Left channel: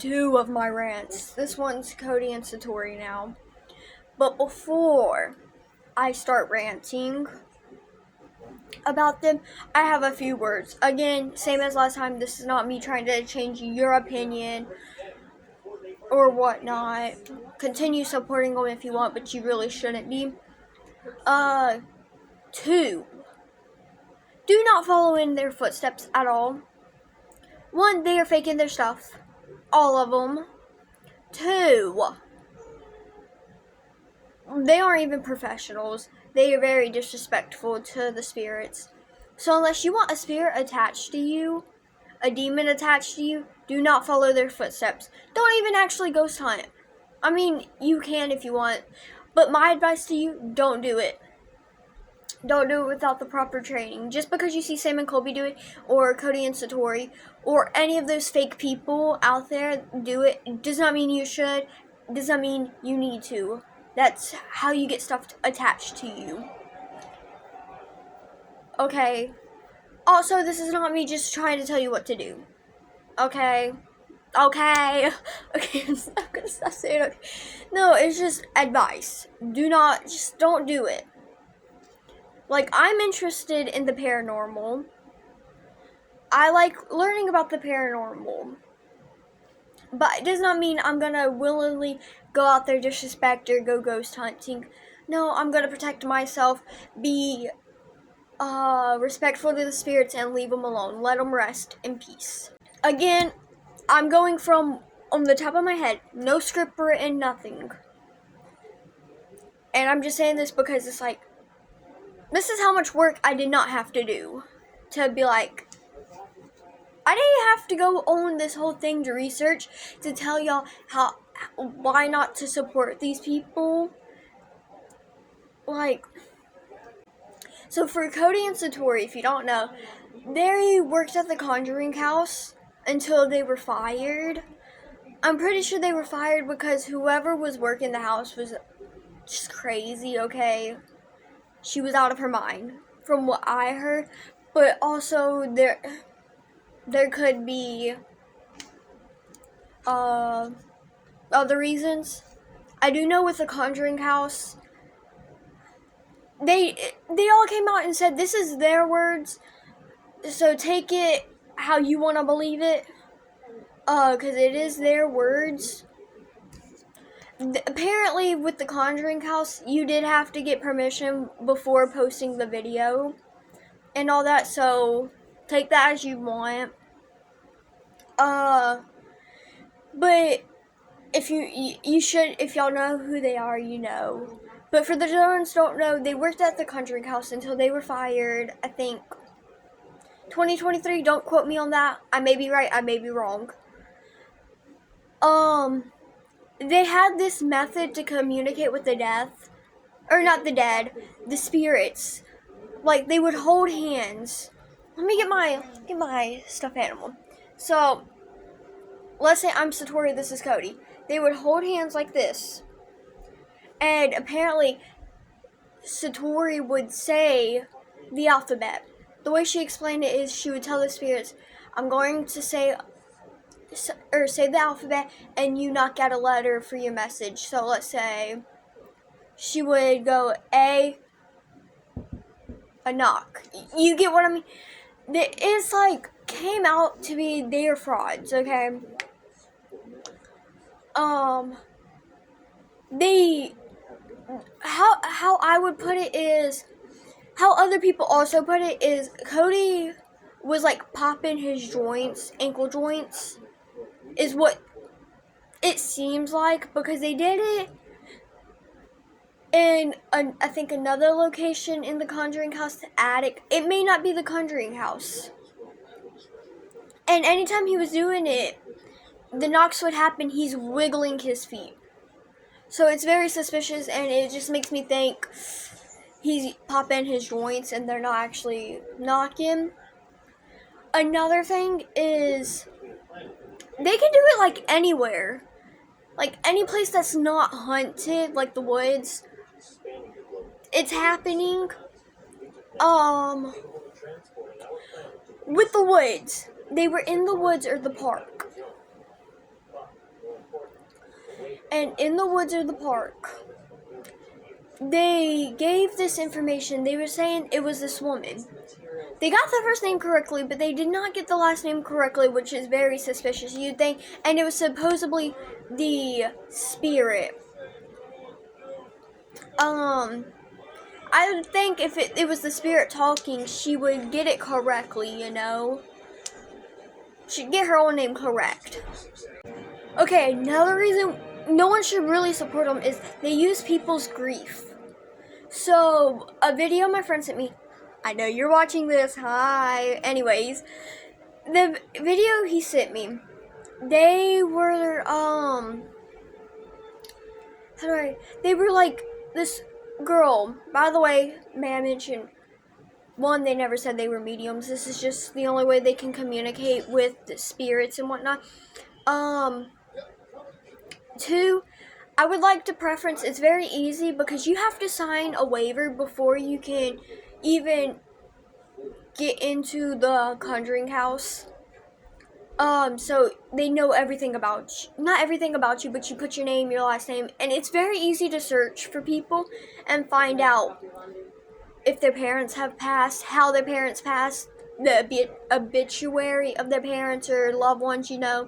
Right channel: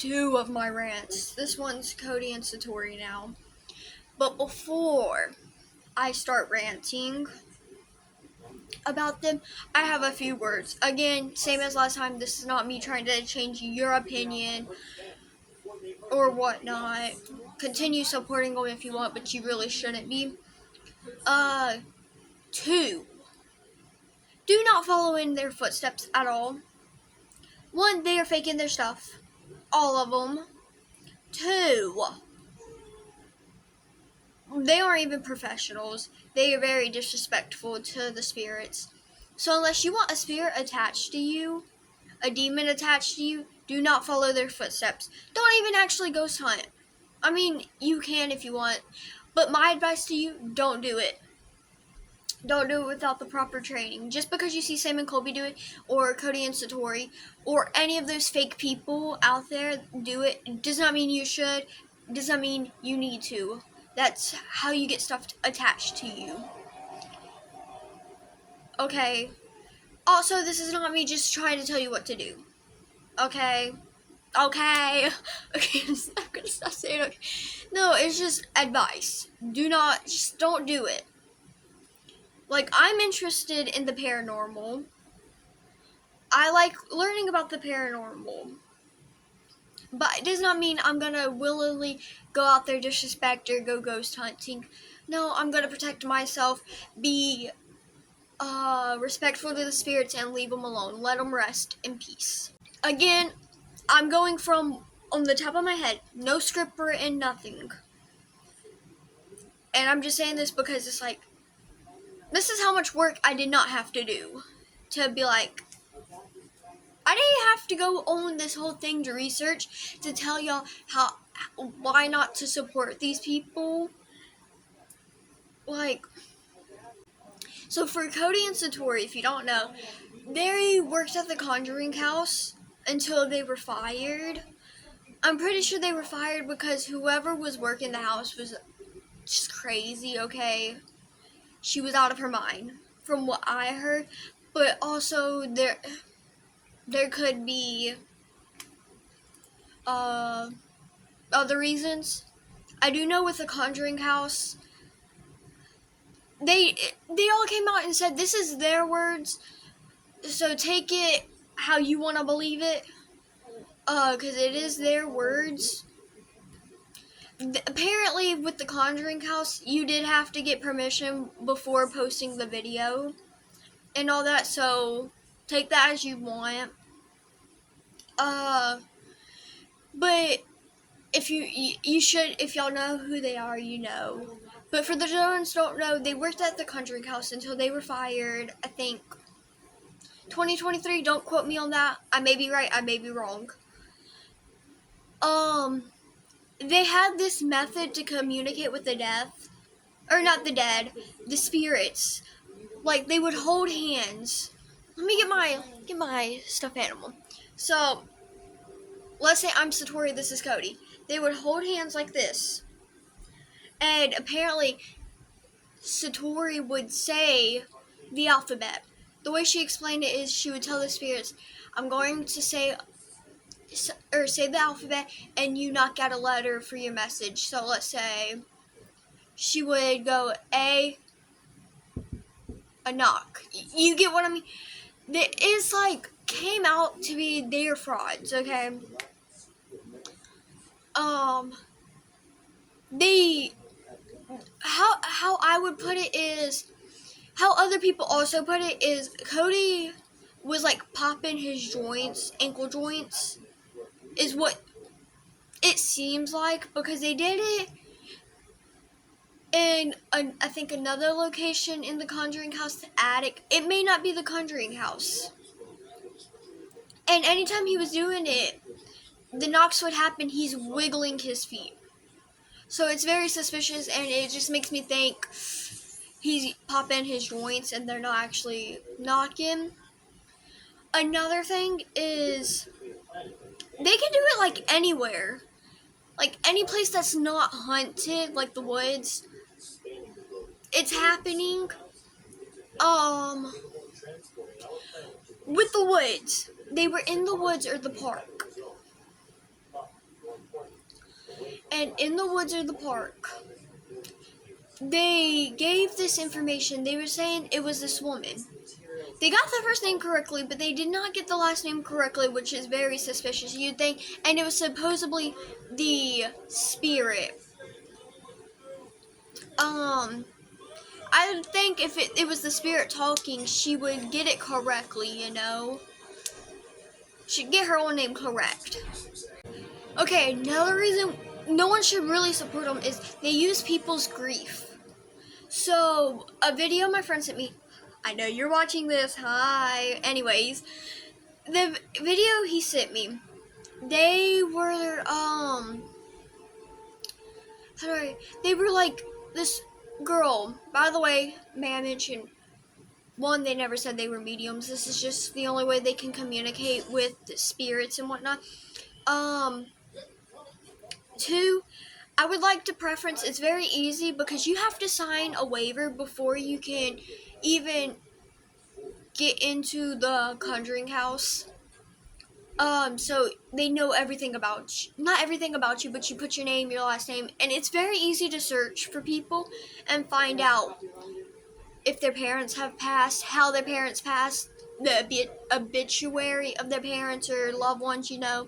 2 of my rants. This one's Cody and Satori now. But before I start ranting about them, I have a few words. Again, same as last time, this is not me trying to change your opinion or whatnot. Continue supporting them if you want, but you really shouldn't be. 2. Do not follow in their footsteps at all. 1, they are faking their stuff. All of them. 2, they aren't even professionals. They are very disrespectful to the spirits. So unless you want a spirit attached to you, a demon attached to you, do not follow their footsteps. Don't even actually ghost hunt. I mean, you can if you want, but my advice to you, don't do it. Don't do it without the proper training. Just because you see Sam and Colby do it, or Cody and Satori, or any of those fake people out there do it, does not mean you should, does not mean you need to. That's how you get stuff attached to you. Okay. Also, this is not me just trying to tell you what to do. Okay. Okay, I'm gonna stop saying okay. No, it's just advice. Don't do it. Like, I'm interested in the paranormal. I like learning about the paranormal. But it does not mean I'm gonna willingly go out there, disrespect, or go ghost hunting. No, I'm gonna protect myself, be respectful to the spirits, and leave them alone. Let them rest in peace. Again, I'm going from on the top of my head, no script written, nothing. And I'm just saying this because it's like, this is how much work I did not have to do to be like, I didn't have to go on this whole thing to research to tell y'all why not to support these people. Like, so for Cody and Satori, if you don't know, they worked at the Conjuring House until they were fired. I'm pretty sure they were fired because whoever was working the house was just crazy, okay? She was out of her mind, from what I heard. But also, there could be other reasons. I do know with the Conjuring House, they all came out and said this is their words, so take it how you want to believe it, because it is their words. Apparently, with the Conjuring House, you did have to get permission before posting the video and all that, so take that as you want. But if you should, if y'all know who they are, you know. But for the ones who don't know, they worked at the Conjuring House until they were fired, I think, 2023. Don't quote me on that. I may be right, I may be wrong. They had this method to communicate with the the spirits. Like, they would hold hands. Let me get my stuffed animal. So, let's say I'm Satori, this is Cody. They would hold hands like this. And apparently, Satori would say the alphabet. The way she explained it is she would tell the spirits, I'm going to say the alphabet, and you knock out a letter for your message. So let's say she would go a knock. You get what I mean? It's like came out to be their frauds, okay? They how I would put it is how other people also put it is Cody was like popping his joints, ankle joints, is what it seems like, because they did it in I think another location in the Conjuring House, the attic. It may not be the Conjuring House. And anytime he was doing it, the knocks would happen, he's wiggling his feet. So it's very suspicious, and it just makes me think he's popping his joints and they're not actually knocking. Another thing is they can do it like anywhere. Like any place that's not haunted, like the woods. It's happening. With the woods. They were in the woods or the park. and in the woods or the park, they gave this information. They were saying it was this woman. They got the first name correctly, but they did not get the last name correctly, which is very suspicious, you'd think. And it was supposedly the spirit. I would think if it was the spirit talking, she would get it correctly, you know? She'd get her own name correct. Okay, another reason no one should really support them is they use people's grief. So, a video my friend sent me, I know you're watching this, hi. Anyways, the video he sent me, they were, they were like this girl. By the way, may I mention, one, they never said they were mediums. This is just the only way they can communicate with the spirits and whatnot. Two, I would like to preference, it's very easy because you have to sign a waiver before you can even get into the conjuring house. So they know everything about you. Not everything about you, but you put your name, your last name, and it's very easy to search for people and find out if their parents have passed, how their parents passed, the obituary of their parents or loved ones, you know.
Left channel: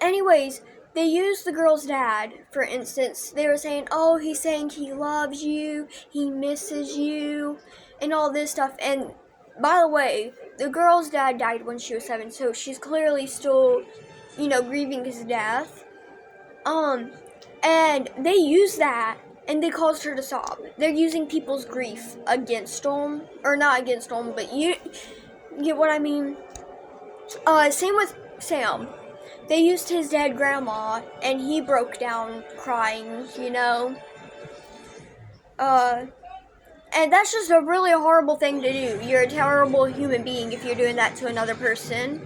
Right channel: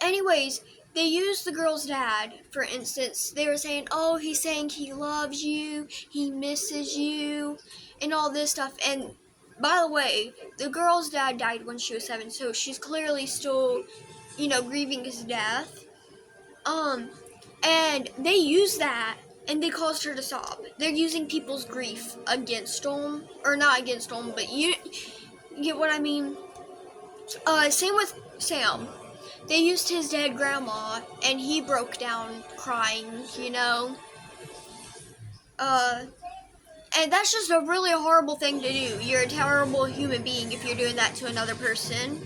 Anyways, they used the girl's dad, for instance. They were saying, oh, he's saying he loves you, he misses you, and all this stuff. And by the way, the girl's dad died when she was 7, so she's clearly still, you know, grieving his death. And they used that, and they caused her to sob. They're using people's grief against them, or not against them, but you get what I mean? Same with Sam. They used his dead grandma, and he broke down crying, you know? And that's just a really horrible thing to do. You're a terrible human being if you're doing that to another person.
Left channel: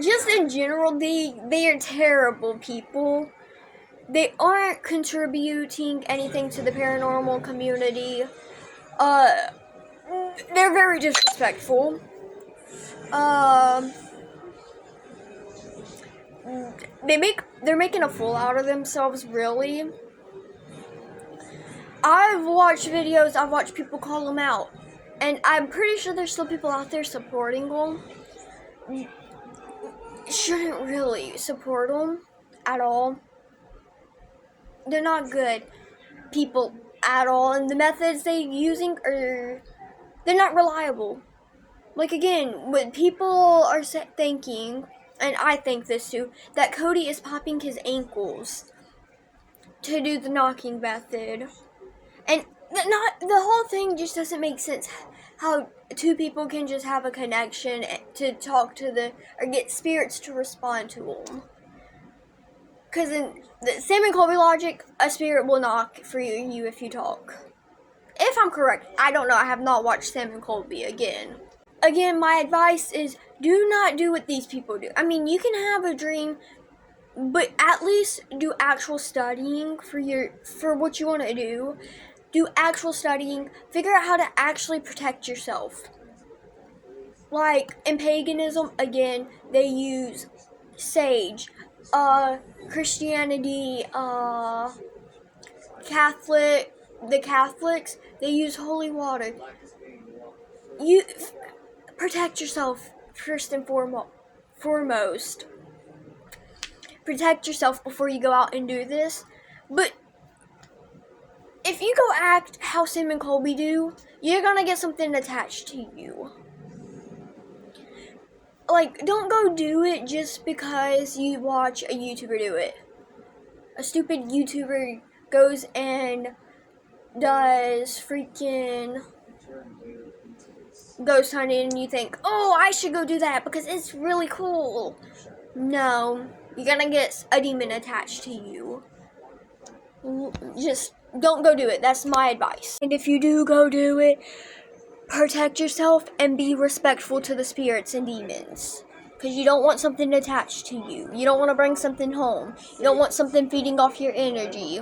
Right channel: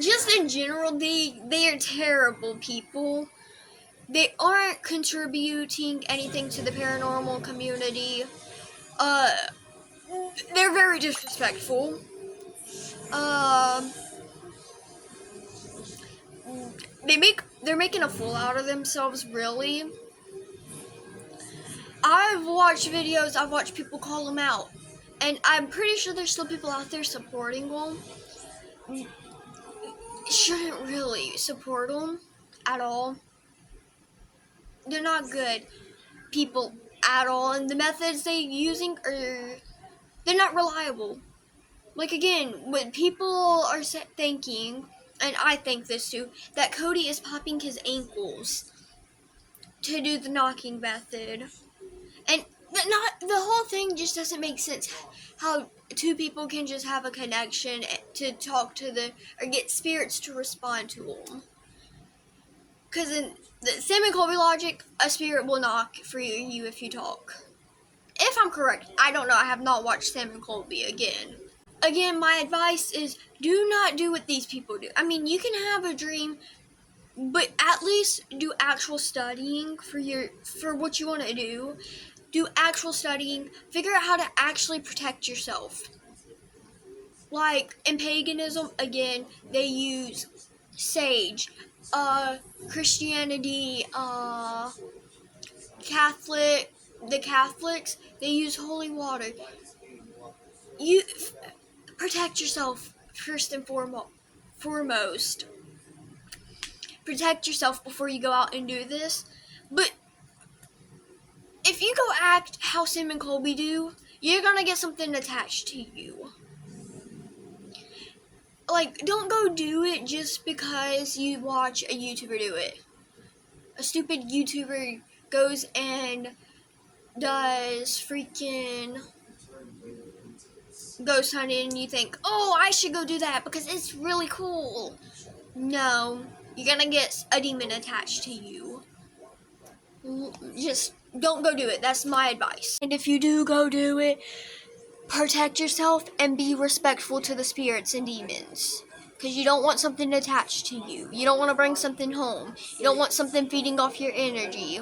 Just in general, they are terrible people. They aren't contributing anything to the paranormal community. They're very disrespectful. They're making a fool out of themselves, really. I've watched videos, I've watched people call them out, and I'm pretty sure there's still people out there supporting them. Shouldn't really support them at all. They're not good people at all, and the methods they're using they're not reliable. Like, again, when people are thinking, and I think this too, that Cody is popping his ankles to do the knocking method. And the whole thing just doesn't make sense. How two people can just have a connection to talk to or get spirits to respond to them. Because in the Sam and Colby logic, a spirit will knock for you if you talk. If I'm correct, I don't know. I have not watched Sam and Colby again. Again, my advice is do not do what these people do. I mean, you can have a dream, but at least do actual studying for what you want to do. Do actual studying. Figure out how to actually protect yourself. Like in paganism, again, they use sage. Christianity, the Catholics, they use holy water. You protect yourself first and foremost. Protect yourself before you go out and do this. But if you go act how Sam and Colby do, you're gonna get something attached to you. Like, don't go do it just because you watch a YouTuber do it. A stupid YouTuber goes and does freaking ghost hunting, and you think, oh, I should go do that because it's really cool. No, you're gonna get a demon attached to you. Just don't go do it. That's my advice. And if you do go do it, protect yourself and be respectful to the spirits and demons. Because you don't want something attached to you. You don't want to bring something home. You don't want something feeding off your energy.